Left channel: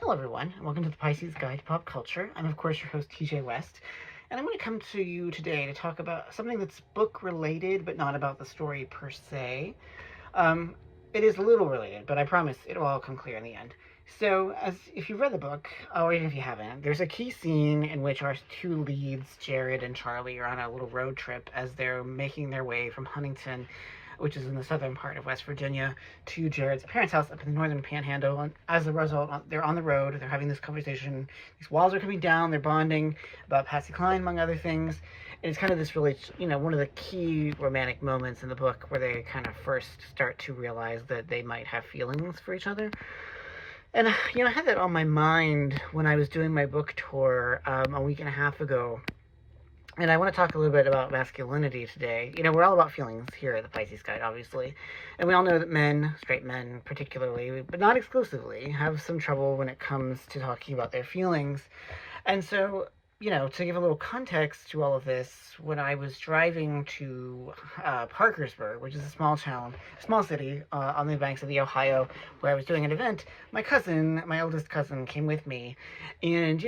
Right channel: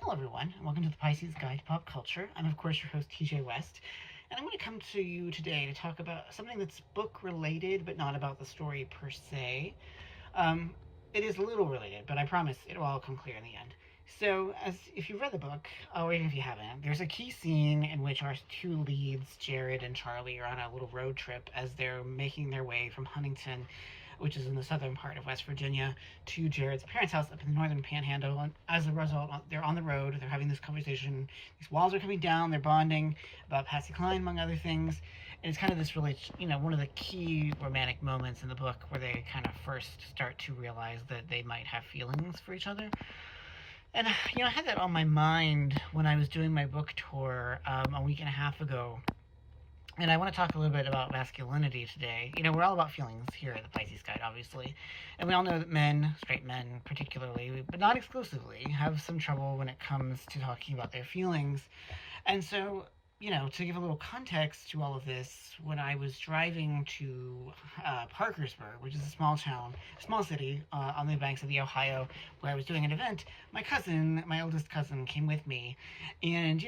Hello everyone, and welcome to the Pisces Guide to Pop Culture. I'm of course your host TJ West, and I'm going to come to you today to talk about something that's book related, but not about the story per se. It is a little related, but I promise it'll all come clear in the end. So, as if you've read the book, or even if you haven't, there's a key scene in which our two leads, Jared and Charlie, are on a little road trip as they're making their way from Huntington, which is in the southern part of West Virginia, to Jared's parents' house up in the northern panhandle. And as a result, they're on the road, they're having this conversation, these walls are coming down, they're bonding about Patsy Cline, among other things. And it's kind of this really, one of the key romantic moments in the book where they kind of first start to realize that they might have feelings for each other. And, I had that on my mind when I was doing my book tour a week and a half ago. And I want to talk a little bit about masculinity today. We're all about feelings here at the Pisces Guide, obviously. And we all know that men, straight men particularly, but not exclusively, have some trouble when it comes to talking about their feelings. And so, to give a little context to all of this, when I was driving to Parkersburg, which is a small city on the banks of the Ohio, where I was doing an event, my oldest cousin, came with me. And,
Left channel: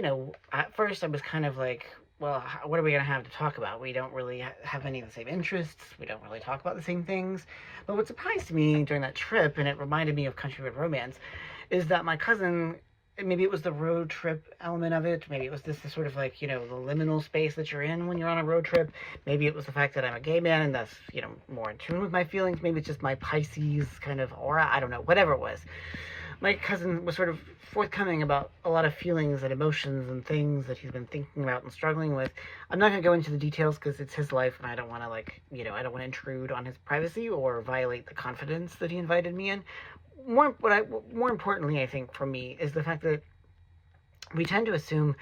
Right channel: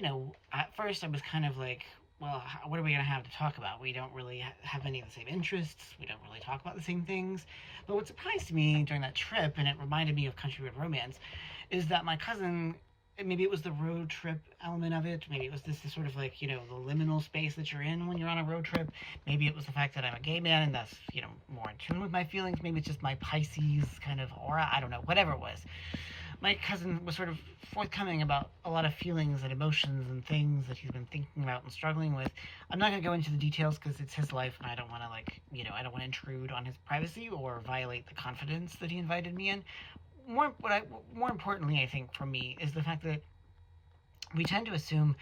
at first I was kind of like, well, what are we going to have to talk about? We don't really have any of the same interests. We don't really talk about the same things. But what surprised me during that trip, and it reminded me of Country Road Romance, is that my cousin, maybe it was the road trip element of it. Maybe it was this sort of like, the liminal space that you're in when you're on a road trip. Maybe it was the fact that I'm a gay man and that's, more in tune with my feelings. Maybe it's just my Pisces kind of aura. I don't know, whatever it was. My cousin was sort of forthcoming about a lot of feelings and emotions and things that he's been thinking about and struggling with. I'm not going to go into the details because it's his life and I don't want to I don't want to intrude on his privacy or violate the confidence that he invited me in. More importantly, I think for me, is the fact that we tend to assume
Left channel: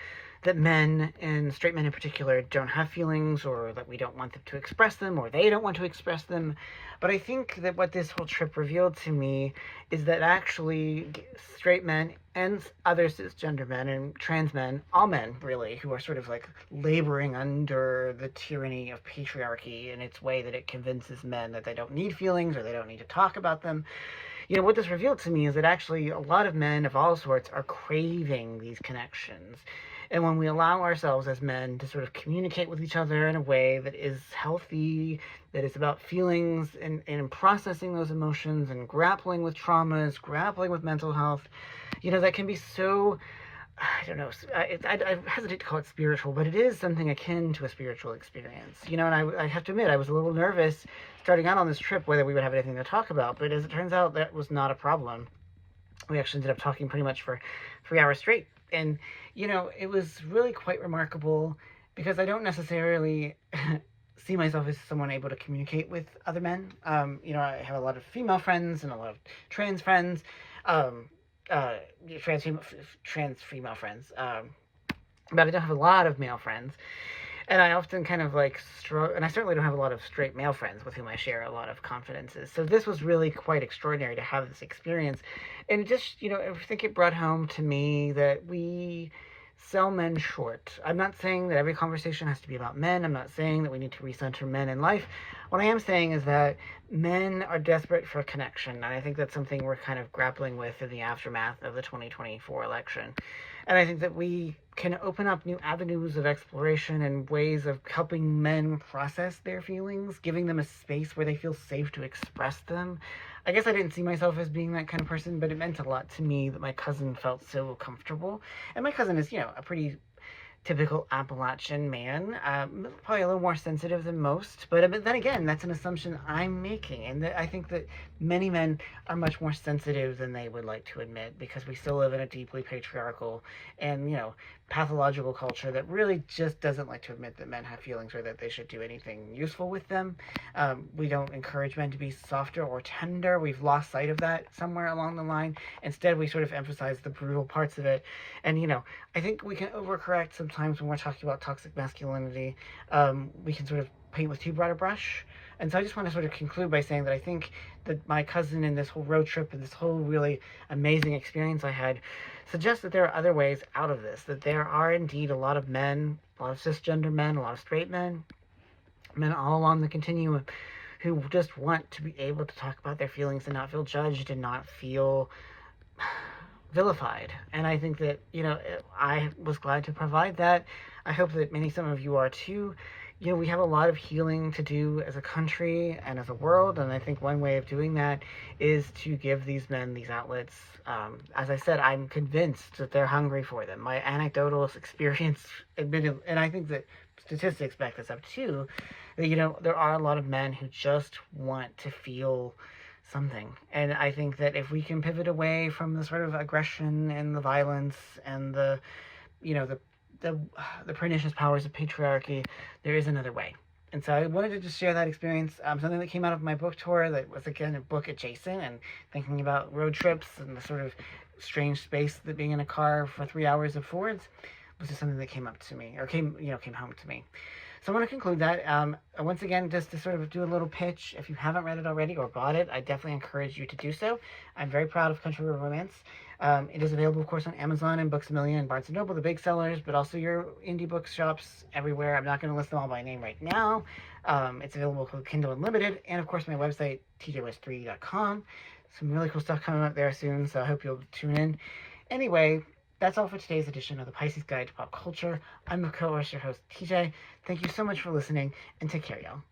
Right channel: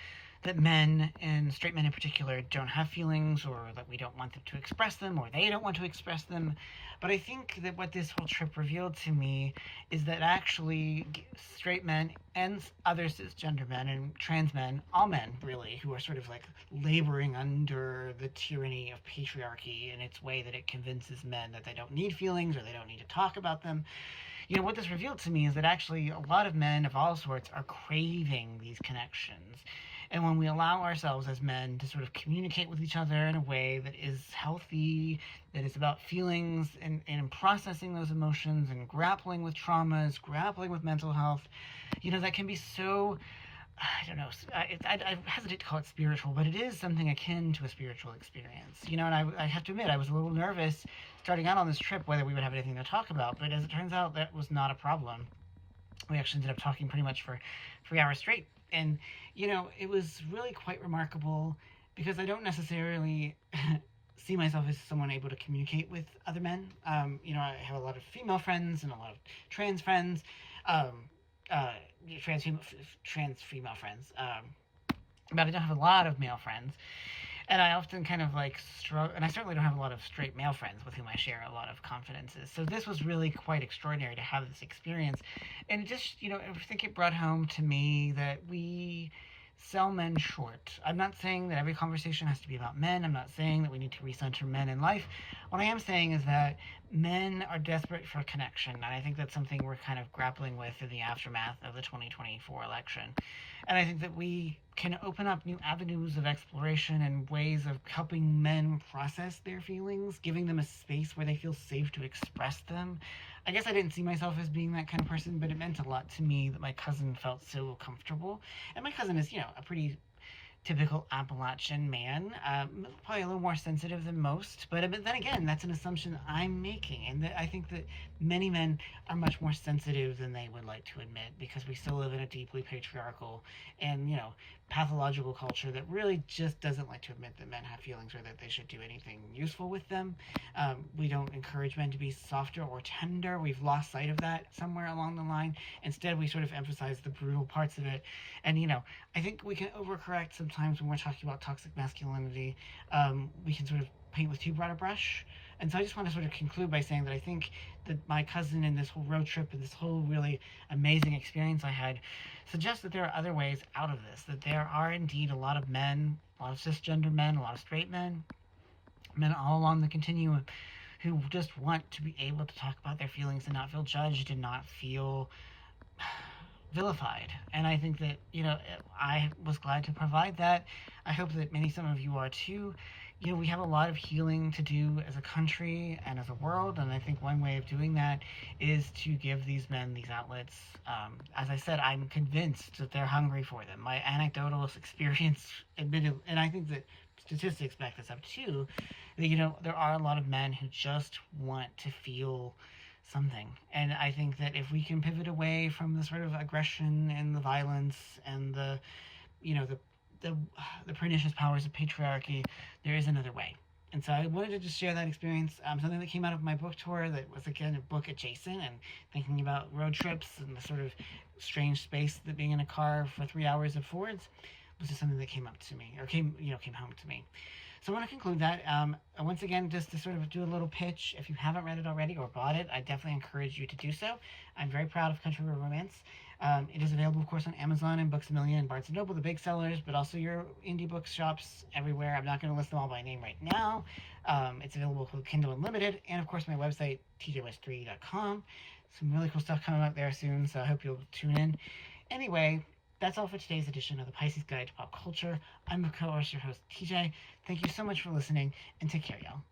that men, and straight men in particular, don't have feelings, or that we don't want them to express them, or they don't want to express them. But I think that what this whole trip revealed to me is that actually straight men and other cisgender men and trans men, all men really, who are sort of like laboring under the tyranny of patriarchy in its way that it convinces men that they don't need feelings or they don't need to talk about them. What this revealed to me is that actually a lot of men of all sorts are craving these connections. And when we allow ourselves as men to sort of communicate with each other in a way that is healthy, that is about feelings and processing those emotions and grappling with traumas, grappling with mental health, that can be so, I don't know, I hesitate to call it spiritual, but it is something akin to a spiritual experience. And I have to admit, I was a little nervous starting out on this trip whether we would have anything to talk about, but as it turns out, that was not a problem. We actually ended up talking pretty much for 3 hours straight. And, it was really quite remarkable because I don't necessarily see myself as someone able to communicate with other men. I have a lot of female friends and a lot of trans friends, trans female friends, but I don't have a lot of male friends. And I often kind of struggle, and I certainly don't have a lot of straight male friends with whom I share a lot of confidences. So this was really quite extraordinary to have this experience. And it just, I think it brought home to me that we sell men short. I'm not saying that every conversation has to be about men. I'm not saying that we need to recenter men in life. What I am saying is that men are desperate for connection. And I think that's something we're kind of grappling with in the aftermath of the 2024 election. And I think that we can open up new avenues of exploration and ways of helping men process their feelings, giving them a space where they feel safe to express them. I guess I didn't see myself as being that kind of person, but it meant a lot to me that my cousin felt so comfortable. And my cousin is, a pretty typical Appalachian man, probably a little more sensitive than most, but then again, that's an assumption I'm making, and I think that many men are much more sensitive than they would like to admit, because we still live in a deeply patriarchal and, pathological culture that really just doesn't like to admit that men have feelings or that they should do anything useful with them. We don't encourage men to be softer or tender. We've lost sight of that somewhere along the line. Instead, we sort of emphasize the brutal parts of it, and, I think we can overcorrect sometimes when we're talking about toxic masculinity. We can sort of paint with too broad a brush. And so I just want to sort of conclude by saying that I think that my cousin and this whole road trip and this whole really amazing experience I had suggests that there are other ways out of this, that there are indeed a lot of men, a lot of cisgender men, a lot of straight men all along the continuum who just want to be able to talk about their feelings and not feel judged and not feel vilified. And I think that, I was glad to provide that. I hope that some of you are too. We have a lot of healing to do as a country and as a world, and I think one way of doing that is to give these men these outlets. As I said, I'm convinced that they're hungry for them. My anecdotal experience admitted, and I think that statistics back this up too, that, there are a lot of men who just want to feel something. And I think that if we can pivot away from the sort of aggression and the violence and the, you know, the the pernicious powers of patriarchy, there is another way. And so I wanted to just share that experience, something that came out of my book tour that was, again, a book adjacent, and thinking about road trips and the sort of strange space that being in a car for 3 hours affords was just something that came up to me, or came home to me. So I want to conclude that. Once again, just to sort of do a little pitch, if you haven't read it already or bought it, I definitely encourage you to do so. I'm very proud of Country Road Romance. It is available, of course, on Amazon and Books A Million and Barnes & Noble, the big sellers, but also your indie bookshops everywhere. I'm not going to list them all by name right now. It's available for Kindle Unlimited, and, of course, my website, tjwest3.com. Some really cool stuff coming up there soon, so I hope you'll tune in. Anyway, that's all for today's edition of the Pisces Guide to Pop Culture. I'm, of course, your host, TJ. Thank you so much for listening, and take care, y'all.